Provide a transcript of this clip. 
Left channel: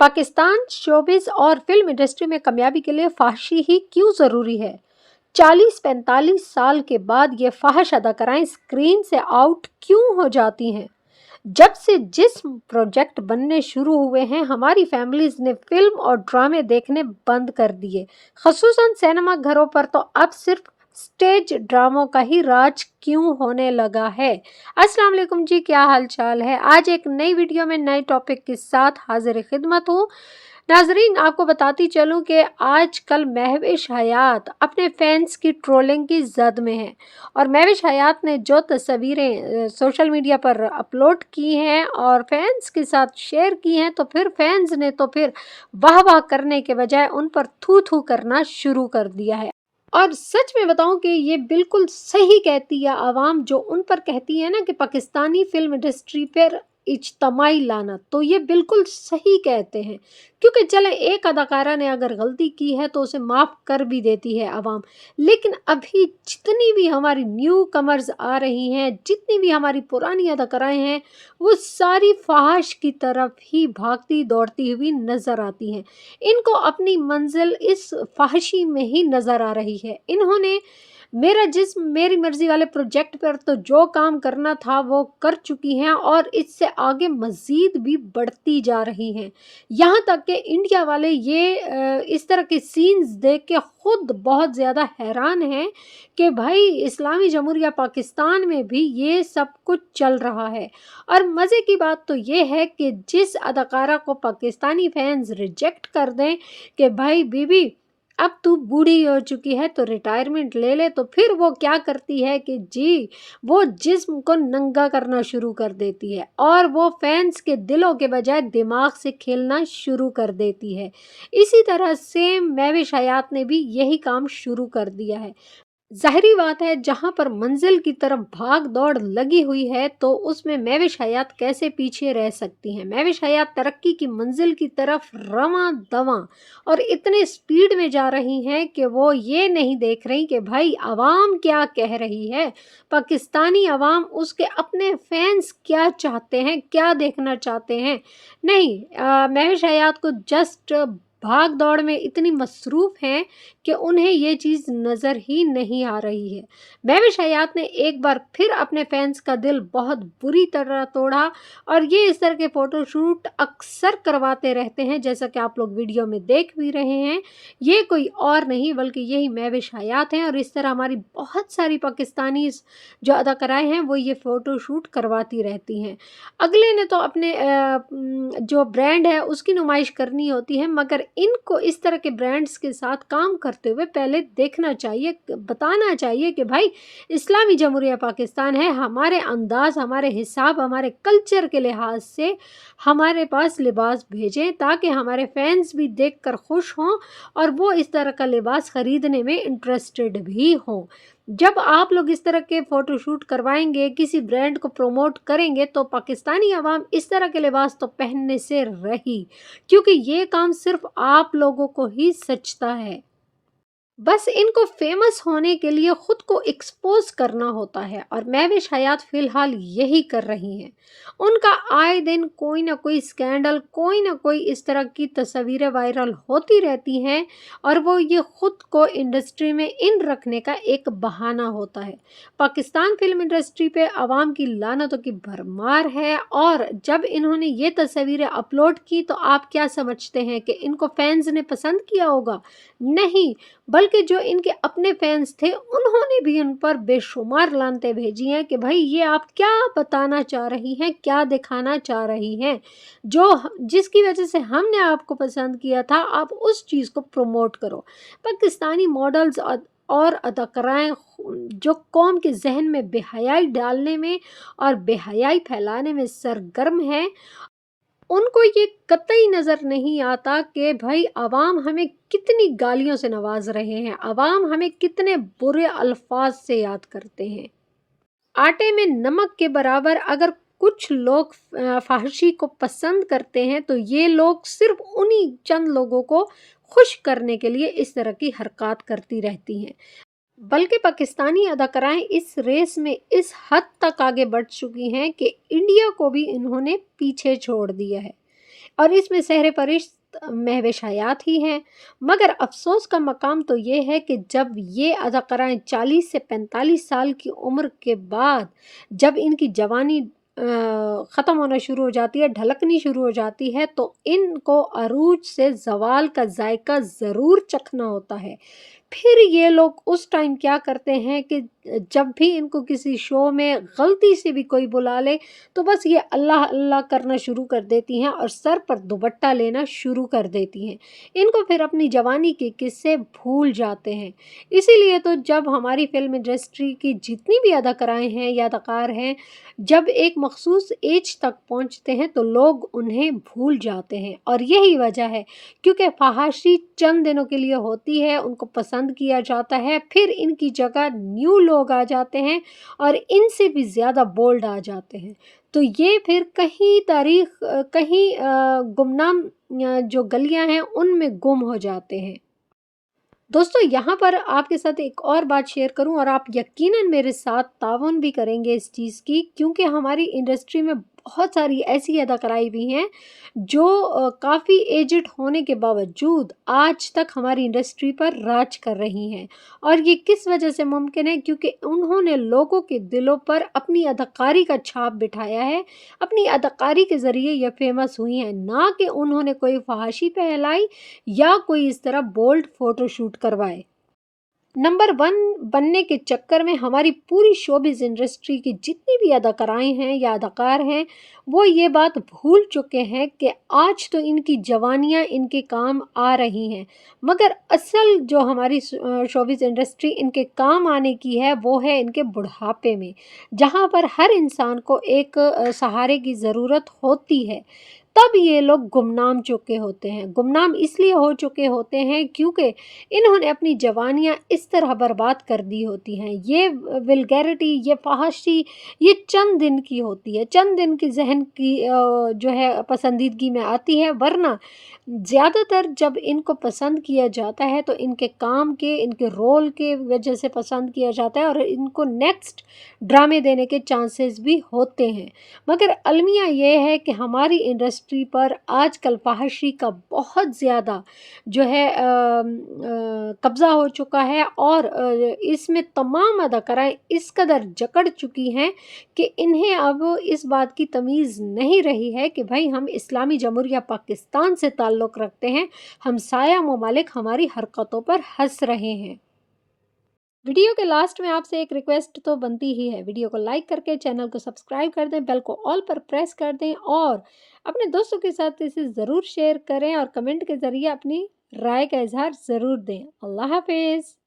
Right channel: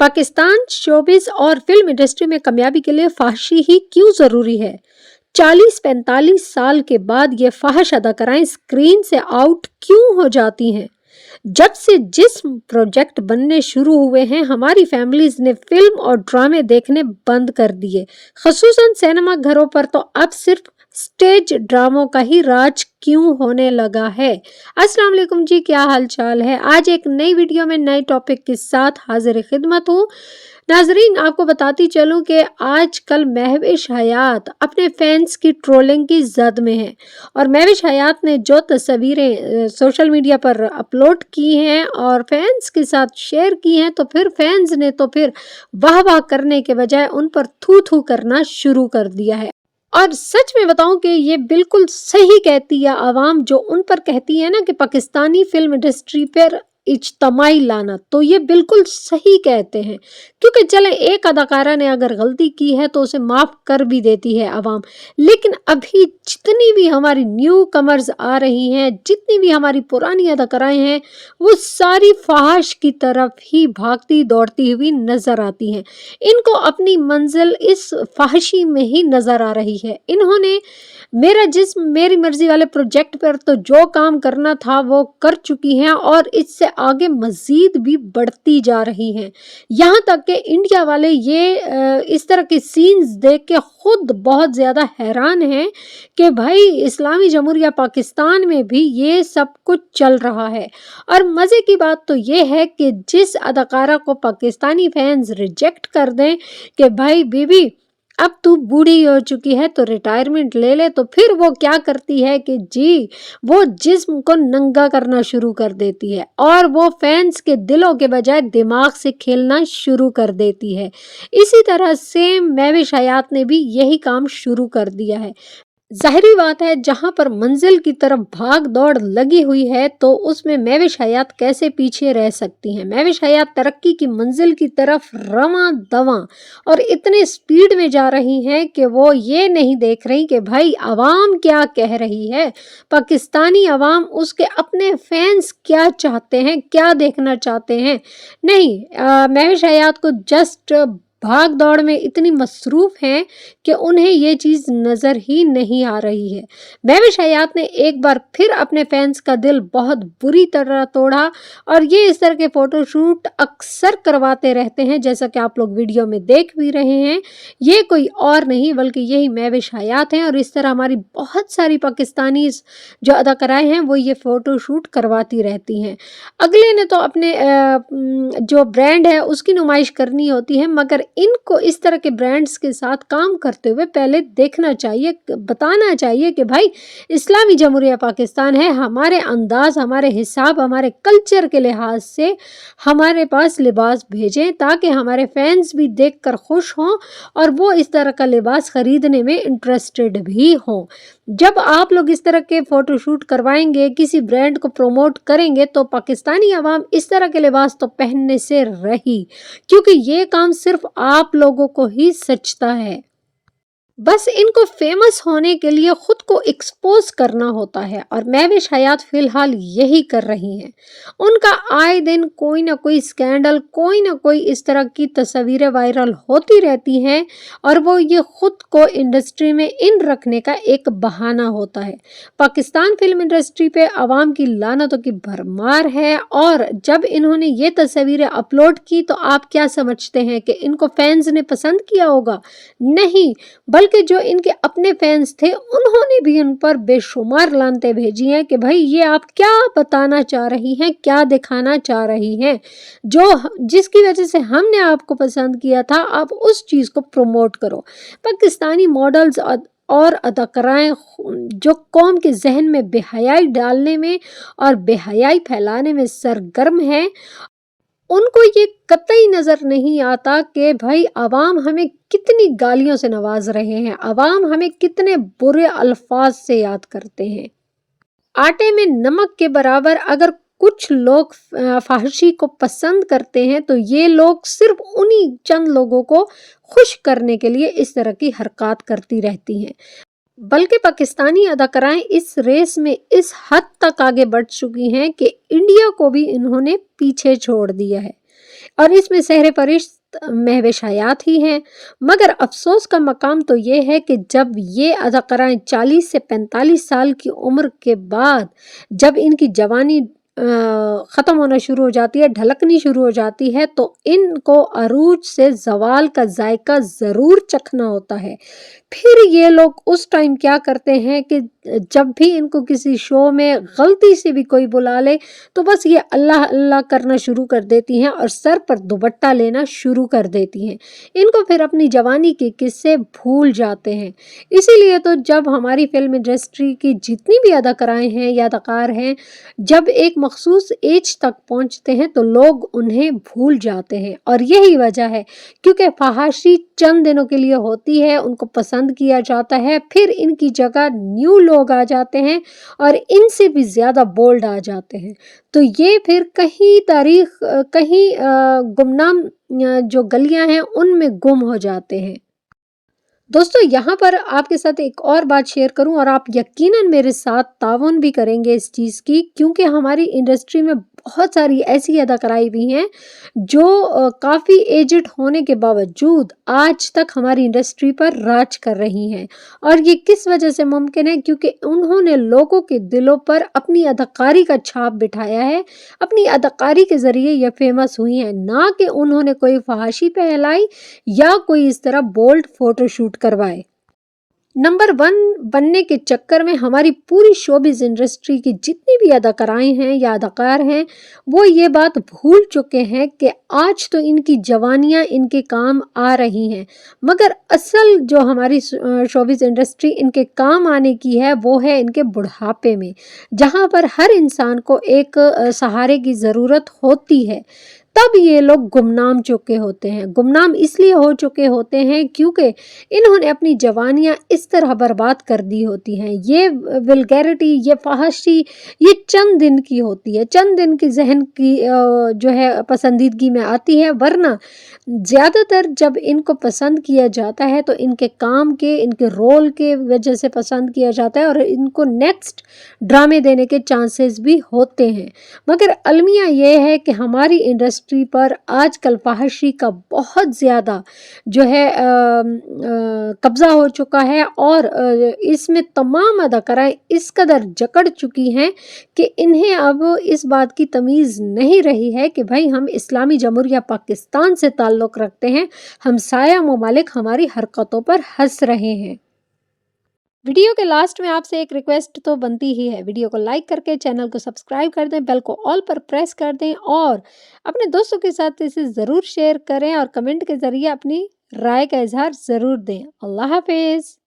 Pakistan showbiz और film industry में कामयाबी के लिए फाहशी ही क्यों जरूरी है? 40-45 साल के बाद ये फाहश अदाकाराएं स्क्रीन से आउट क्यों हो जाती हैं? जब से जिस प्रोजेक्ट बनने शुरू हुए हैं, हमारी फैमिलीज ने फिल्म और ड्रामे देखने बंद कर दिए। खसूसन सिनेमा घरों पर तो अब सिर्फ स्टेज ड्रामों का ही राज क्यों होने लगा है। अस्सलाम वालेकुम जी, क्या हाल चाल है। आज एक नई वीडियो में नए टॉपिक के साथ हाजिर खिदमत हूँ। नाजरीन, आपको बताती चलूं कि आजकल महविश हयात अपने फैंस की ट्रोलिंग की जद में है और महविश हयात ने जो तस्वीरें सोशल मीडिया पर अपलोड की हैं और फैंस के साथ शेयर की हैं, तो फिर फैंस ने वाह वाह करने के बजाय उन पर थू थू करना शुरू कर दिया है। और सच में बताऊं कि ये बिल्कुल सही कहती है आवाम जो उन पर कहती है ना कि पाकिस्तानी फिल्म इंडस्ट्री पर इज्तमाई लानत, तो ये बिल्कुल सही कहते हैं। क्योंकि चले एक अदाकारा ने अगर गलती की है तो उसे माफ कर भी देती है आवाम, लेकिन अभी जितनी भी हमारी न्यू कमर्स आ रही हैं, जितनी भी हमारी पुरानी अदाकाराएं हैं, वो सारी फहाश की तरफ ही भागती दौड़ती हुई नजर आती हैं। इनको अपनी मंजिल इस फहाशी में ही नजर आ रही है। इन्होंने मेरा जिस्म मेरी मर्जी वाले प्रोजेक्ट पर तो जो काम करना था वो कर चुकी हैं और इससे आगे मजीद भी बढ़ती जा रही हैं। यहाँ तक कि इंडिया वाले ये इस तरह के सीन्स देख के खुद बहुत ज़्यादा हैरान हैं कि भाई इस्लामी जमहूरिया पाकिस्तान में भी ये सब कुछ चल रहा है। और मज़े की बात तो ये है कि जिस अदाकारा को पाकिस्तानी फैंस रिजेक्ट कर दें कि भाई बीबी अब तू बूढ़ी हो चुकी है तो रिटायरमेंट ले ले, तो फिर वो क्या करती है कि जी वो जिस्म को नंगा करना शुरू कर देती है और वो फैंस के दिलों के बजाय दिमाग से खेलना शुरू कर देती है। इसी तरह से महविश हयात ने भी यही काम शुरू कर दिया है। ज़ाहिरी बात है, जहाँ पर मंजिल की तरफ भाग दौड़ लगी हुई है तो उसमें महविश हयात कैसे पीछे रह सकती हैं। महविश हयात तरक्की की मंजिल की तरफ रवां दवां और इतने स्पीड में जा रही हैं कि वो ये नहीं देख रही कि भाई आवाम क्या कह रही है, पाकिस्तानी आवाम उसके अपने फैंस क्या चाहते हैं, क्या देखना चाहते हैं। नहीं, महविश हयात को जस्ट भाग दौड़ में इतनी मसरूफ हैं कि उन्हें ये चीज़ नज़र ही नहीं आ रही है। महविश हयात ने एक बार फिर अपने फैंस का दिल बहुत बुरी तरह तोड़ा और ये इस तरह के फ़ोटोशूट अक्सर करवाते रहते हैं, जैसा कि आप लोग वीडियो में देख भी रहे हैं। ये कोई और नहीं बल्कि यही महविश हयात हैं और इस तरह हमारी बहुत सारी पाकिस्तानी जो अदाकाराएँ हैं वो ये फ़ोटोशूट करवाती रहती हैं। अगले ने तो अपने जो ब्रांड है उसकी नुमाइश करनी होती है, मगर इनको इस तरह के ब्रांड्स के साथ काम करते हुए पहले देखना चाहिए, बताना चाहिए कि भाई इस्लामी जमहूरिया पाकिस्तान है, हमारे अंदाज, हमारे हिसाब, हमारे कल्चर के लिहाज से हमारे पास लिबास भेजें ताकि हमारे फैंस भी देखकर खुश हों और वो इस तरह का लिबास खरीदने में इंटरेस्टेड भी हों। जब आप लोग इस तरह के फ़ोटोशूट करवाएंगे, किसी ब्रांड को प्रमोट करेंगे, तो पाकिस्तानी आवाम इस तरह के लिबास तो पहनने से रही, क्योंकि ये काम सिर्फ आप लोगों को ही सचता है। बस इनको फेमस होने के लिए खुद को एक्सपोज करना होता है और महविश हयात फिलहाल यही कर रही हैं। उनका आए दिन कोई ना कोई स्कैंडल, कोई ना कोई इस तरह की तस्वीरें वायरल होती रहती हैं और वो ये खुद को इंडस्ट्री में इन रखने का एक बहाना होता है। पाकिस्तान फिल्म इंडस्ट्री पे आवाम की लानतों की भरमार है और जब इन्होंने ये तस्वीरें अपलोड की तो आप क्या समझते हैं कि इनको फैंस ने पसंद किया होगा? नहीं, बल्कि जो इनके अपने फैंस थे उन्होंने भी उन पर बेशुमार लानतें भेजी हैं कि भाई ये आप क्या बताना चाह रही हैं, क्या दिखाना चाह रही हैं, जो जिसकी वजह से हमने आपको पसंद किया था, आप उस चीज़ को प्रमोट करो। पाकिस्तानी मॉडल्स और अदाकाराएं जो कौम के जहन में बेहयाई डालने में और बेहयाई फैलाने में सरगर्म हैं, उनको ये कतई नज़र नहीं आता कि भाई आवाम हमें कितनी गालियों से नवाज रहे हैं, आवाम हमें कितने बुरे अल्फाज से याद करते हैं। आटे में नमक के बराबर अगर कुछ लोग फाहशी को पसंद करते हैं तो ये लोग सिर्फ उन्हीं चंद लोगों को खुश करने के लिए इस तरह की हरकत करती रहती हैं। बल्कि पाकिस्तानी अदाकाराएं इस रेस में इस हद तक आगे बढ़ चुकी हैं कि इंडिया को भी इन्होंने पीछे छोड़ दिया है। और इसमें सहरे फरिश्त महविश हयात ही हैं। मगर अफसोस का मकाम तो ये है कि जब ये अदाकाराएं 40 से 45 साल की उम्र के बाद जब इनकी जवानी ख़त्म होना शुरू हो जाती है, ढलकनी शुरू हो जाती है, तो इनको अरूज से ज़वाल का जायका ज़रूर चखना होता है। फिर ये लोग उस टाइम क्या करते हैं कि जब भी इनको किसी शो में गलती से भी कोई बुला ले तो बस ये अल्लाह अल्लाह करना शुरू कर देती हैं और सर पर दुपट्टा लेना शुरू कर देती हैं। इनको फिर अपनी जवानी के किस्से भूल जाते हैं। इसीलिए तो जब हमारी फिल्म इंडस्ट्री की जितनी भी अदाकाराएं हैं या अदाकार हैं, जब एक मखसूस एज तक पहुंचते हैं तो लोग उन्हें भूल जाते हैं और यही वजह है क्योंकि फहाशी चंद दिनों के लिए होती है, उनको पसंद किया जाता है, फिर इनकी जगह न्यू लोग आ जाते हैं और इनसे भी ज़्यादा बोल्ड आ जाते हैं। तो ये फिर कहीं तारीख कहीं गुमनाम जो गलियां हैं उनमें गुम हो जाते हैं। दोस्तों यहाँ पर आपके साथ एक और बात शेयर करूं और आप यकीनन मेरे साथ ताउन भी करेंगे इस चीज़ की, क्योंकि हमारी इंडस्ट्री में बहुत सारी ऐसी अदाकाराएं भी हैं जो काफ़ी एजड होने के बावजूद आज तक हमारी इंडस्ट्री पर राज कर रही हैं। और ये किस वजह से मुमकिन है? क्योंकि उन्होंने लोगों के दिलों पर अपनी अदाकारी का छाप बिठाया है, अपनी अदाकारी के ज़रिए ये फेमस हुई हैं, ना कि उन्होंने कोई फहाशी फैलाई या कोई इस तरह बोल्ड फोटोशूट करवाए। नंबर 1 बनने के चक्कर में हमारी पूरी शोबिज़ इंडस्ट्री की जितनी भी अदाकाराएं हैं या अदाकार हैं, वो ये बात भूल चुके हैं कि आज तो इनकी जवानियां इनके काम आ रही हैं, मगर असल जो हमारी शोबिज़ इंडस्ट्री इनके काम आने की है वो है इनके बुढ़ापे में, जहाँ पर हर इंसान को एक सहारे की ज़रूरत होती है। तब ये लोग गुमनाम चुके होते हैं। गुमनाम इसलिए हो चुके होते हैं क्योंकि इन्होंने अपनी जवानियाँ इस तरह बर्बाद कर दी होती हैं। ये वल्गैरिटी, ये फहाशी, ये चंद दिन की होती है, चंद दिन की जहन की जो है पसंदीदगी में आती है, वरना ज़्यादातर जब इनको पसंद किया जाता है तो इनके काम के, इनके रोल के वजह से पसंद किया जाता है और इनको नेक्स्ट ड्रामे देने के चांसेस भी होते हैं। मगर अलमिया ये है कि हमारी इंडस्ट्री पर आजकल फहाशी का बहुत ज़्यादा जो है कब्ज़ा हो चुका है और इसमें तमाम अदाकाराएं इस कदर जकड़ चुकी हैं कि इन्हें अब इस बात की तमीज़ नहीं रही है कि भाई हम इस्लामी जमहूरिया पाकिस्तान से ताल्लुक़ रखते हैं, हमसाया ममालिक हमारी हरकतों पर हंस रहे हैं। वीडियो के लास्ट में आपसे एक रिक्वेस्ट तो बनती ही है, वीडियो को लाइक करके चैनल को सब्सक्राइब कर दें, बेल को ऑल पर प्रेस कर दें और अपने दोस्तों के साथ इसे ज़रूर शेयर करें और कमेंट के ज़रिए अपनी राय का इजहार ज़रूर दें। अल्लाह हाफिज़।